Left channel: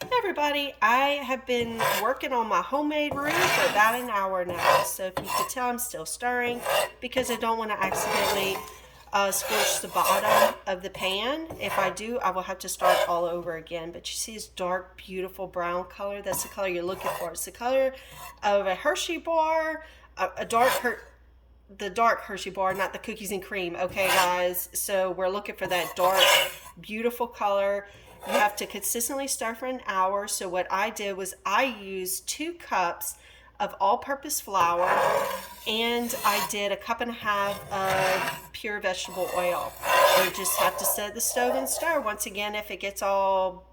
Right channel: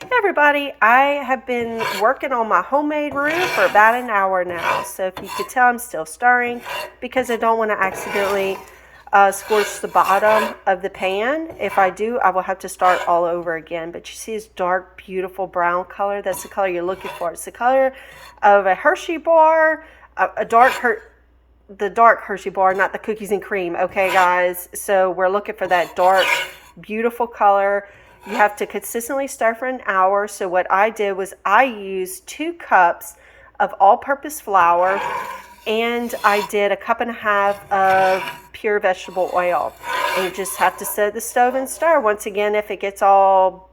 Hey everybody, I have been working on my homemade roux for about an hour now. So if you could tell, I'm still stirring because I don't want to accidentally scorch the bottom of the pan. If I do, I will have to start all over again. But you see this dark, beautiful brown color? That's the color you're looking for. It's the color of a Hershey bar, the dark Hershey bar, not the cookies and cream. Okay, guys. So we're looking for that dark, beautiful color. You have to consistently stir for an hour. So what I did was I used 2 cups of all-purpose flour, and I did a cup and a half of pure vegetable oil. And you just have to set the stove and stir. Once again, if it gets all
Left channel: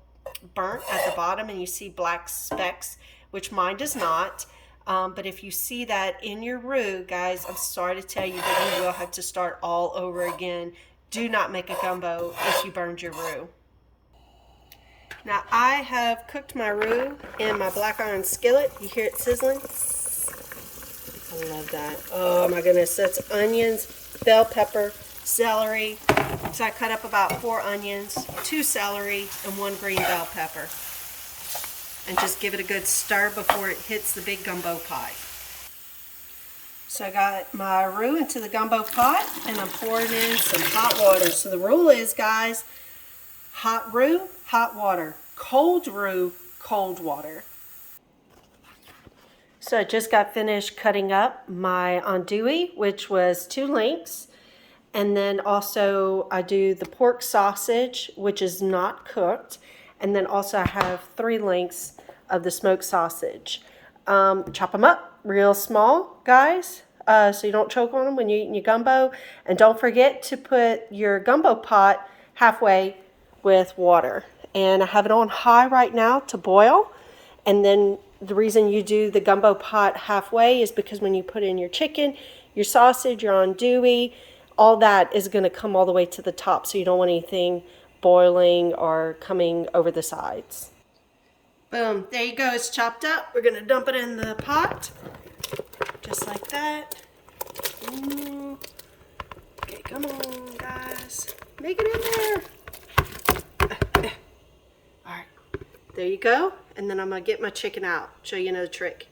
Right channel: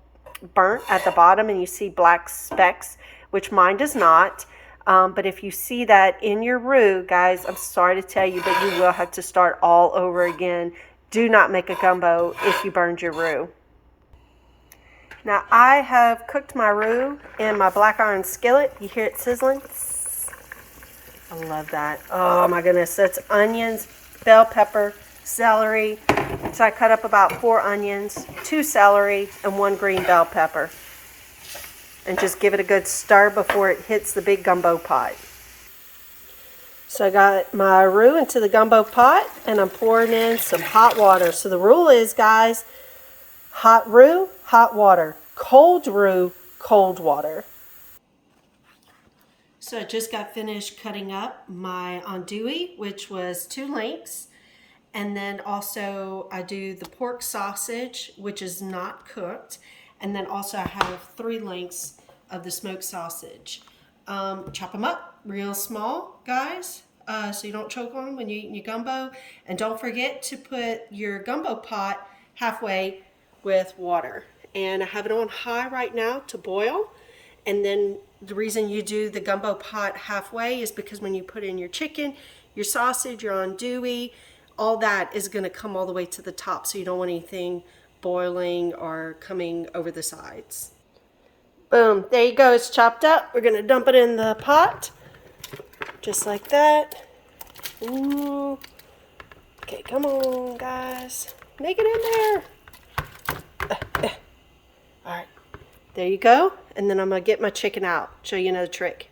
burnt at the bottom and you see black specks, which mine does not, but if you see that in your roux, guys, I'm sorry to tell you, but you will have to start all over again. Do not make a gumbo if you burned your roux. Now I have cooked my roux in my black iron skillet. You hear it sizzling? I love that. Oh my goodness, that's onions, bell pepper, celery. So I cut up about 4 onions, 2 celery, and 1 green bell pepper. And just give it a good stir before it hits the big gumbo pot. So I got my roux into the gumbo pot and I'm pouring in some hot water. So the rule is, guys, hot roux, hot water. Cold roux, cold water. So I just got finished cutting up my andouille, which was 2 links. And then also I do the pork sausage, which is not cooked. And then also I have 3 links of the smoked sausage. Chop them up real small, guys, so you don't choke on them when you're eating your gumbo. And don't forget to put your gumbo pot halfway with water. And I have it on high right now to boil. And then the reason you do the gumbo pot halfway is because when you put in your chicken, your sausage, your andouille, all that is going to come all the way to the top. So you don't want anything boiling or coming over the sides. Boom, there you go, it's chopped up. We're going to dump it in the pot, just like that. Ooh. Okay, come on, guys. Make it in there. All right, there you go. And then I'm going to get my chicken out, show you another trick.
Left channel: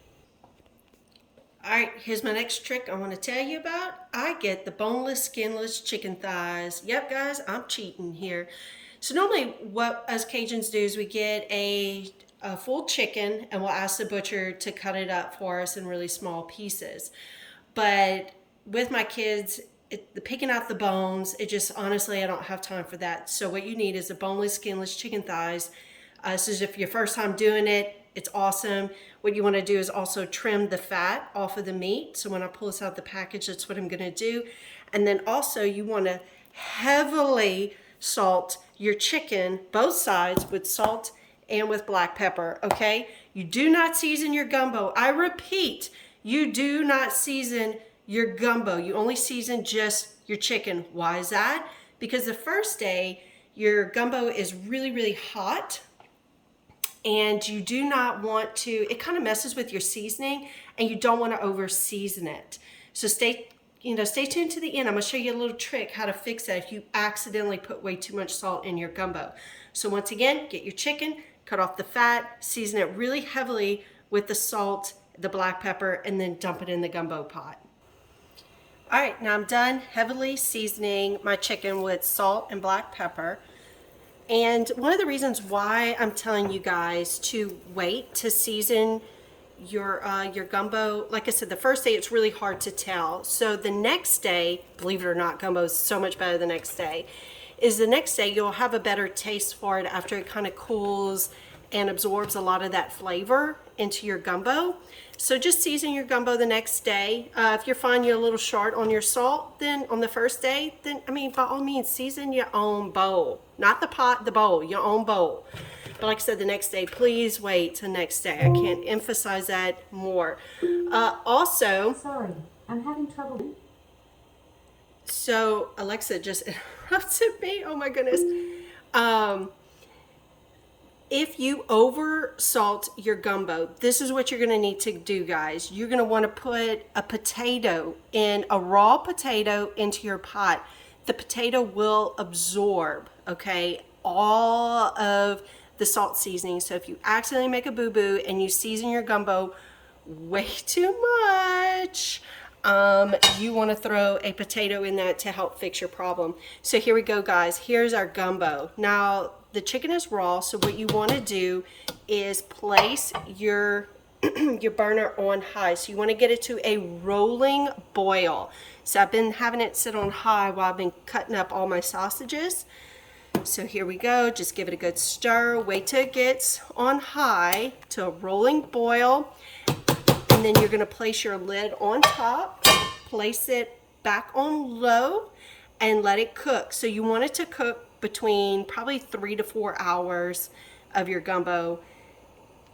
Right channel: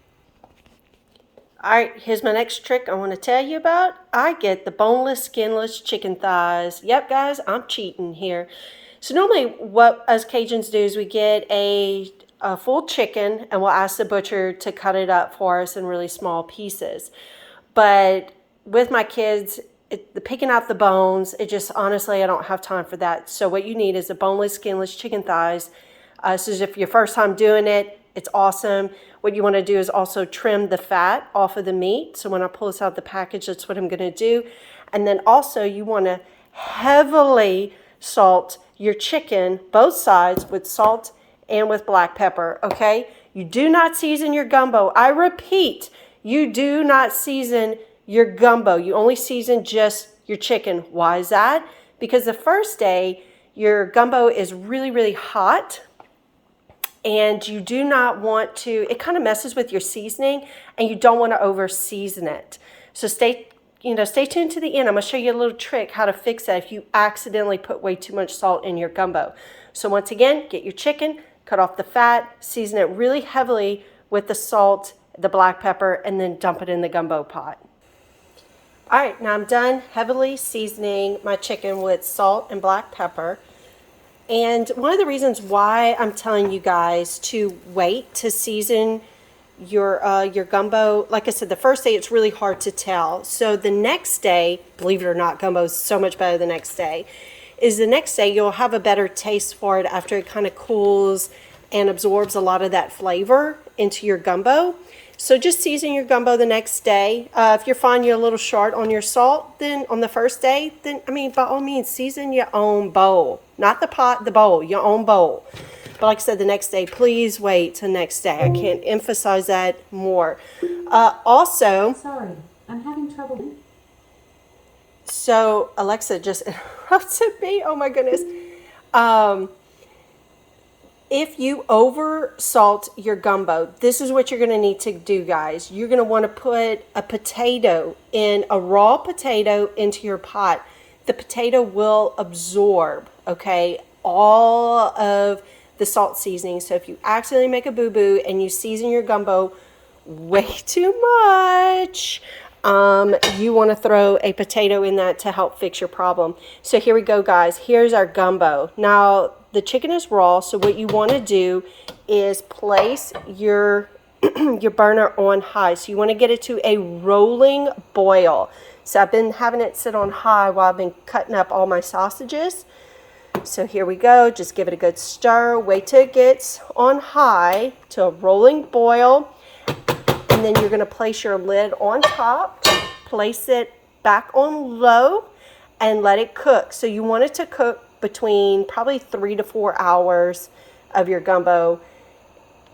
All right, here's my next trick I want to tell you about. I get the boneless, skinless chicken thighs. Yep, guys, I'm cheating here. So normally what us Cajuns do is we get a full chicken and we'll ask the butcher to cut it up for us in really small pieces. But with my kids, the picking out the bones, it just, honestly, I don't have time for that. So what you need is the boneless, skinless chicken thighs. So if your first time doing it, it's awesome. What you want to do is also trim the fat off of the meat. So when I pull this out of the package, that's what I'm going to do. And then also you want to heavily salt your chicken, both sides, with salt and with black pepper, okay? You do not season your gumbo. I repeat, you do not season your gumbo. You only season just your chicken. Why is that? Because the first day, your gumbo is really, really hot, and you do not want to, it kind of messes with your seasoning, and you don't want to over season it. So stay tuned to the end. I'm going to show you a little trick how to fix that if you accidentally put way too much salt in your gumbo. So once again, get your chicken, cut off the fat, season it really heavily with the salt, the black pepper, and then dump it in the gumbo pot. All right, now I'm done heavily seasoning my chicken with salt and black pepper. And one of the reasons why I'm telling you guys to wait to season your gumbo, like I said, the first day it's really hard to tell. So the next day, believe it or not, gumbo is so much better the next day, is the next day you'll have a better taste for it after it kind of cools and absorbs a lot of that flavor into your gumbo. So just season your gumbo the next day. If you're finding you're a little short on your salt, then on the first day, then, I mean, by all means, season your own bowl. Not the pot, the bowl, your own bowl. But like I said, the next day, please wait till next day. I can't emphasize that more. Also... Sorry, I'm having trouble. So Alexa just interrupted me. Oh my goodness. If you over salt your gumbo, this is what you're going to need to do, guys. You're going to want to put a raw potato into your pot. The potato will absorb, okay, all of the salt seasoning. So if you accidentally make a boo-boo and you season your gumbo way too much, you want to throw a potato in that to help fix your problem. So here we go, guys. Here's our gumbo. Now, the chicken is raw, so what you want to do is place your your burner on high. So you want to get it to a rolling boil. So I've been having it sit on high while I've been cutting up all my sausages. So here we go. Just give it a good stir. Wait till it gets on high to a rolling boil. And then you're going to place your lid on top, place it back on low, and let it cook. So you want it to cook between probably 3 to 4 hours of your gumbo,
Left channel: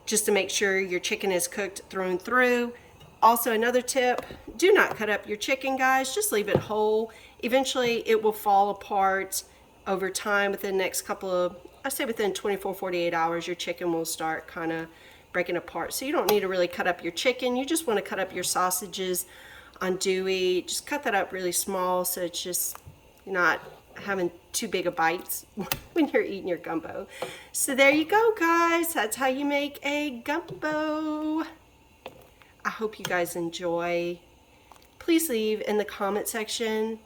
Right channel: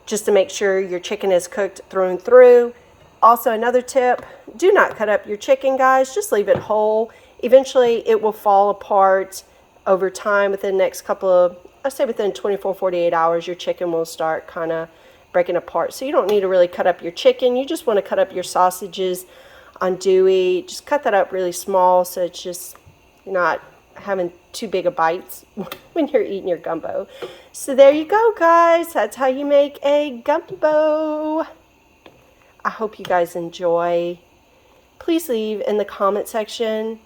just to make sure your chicken is cooked through and through. Also, another tip, do not cut up your chicken, guys. Just leave it whole. Eventually, it will fall apart over time. Within the next couple of, I say within 24, 48 hours, your chicken will start kind of breaking apart. So you don't need to really cut up your chicken. You just want to cut up your sausages andouille. Just cut that up really small so it's just not having too big of bites when you're eating your gumbo. So there you go, guys. That's how you make a gumbo. I hope you guys enjoy. Please leave in the comment section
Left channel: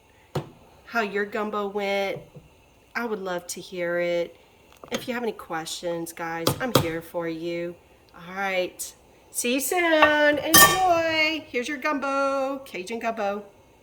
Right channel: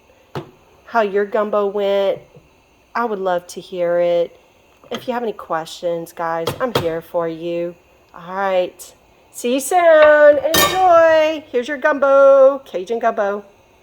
how your gumbo went. I would love to hear it. If you have any questions, guys, I'm here for you. All right. See you soon. Enjoy. Here's your gumbo, Cajun gumbo.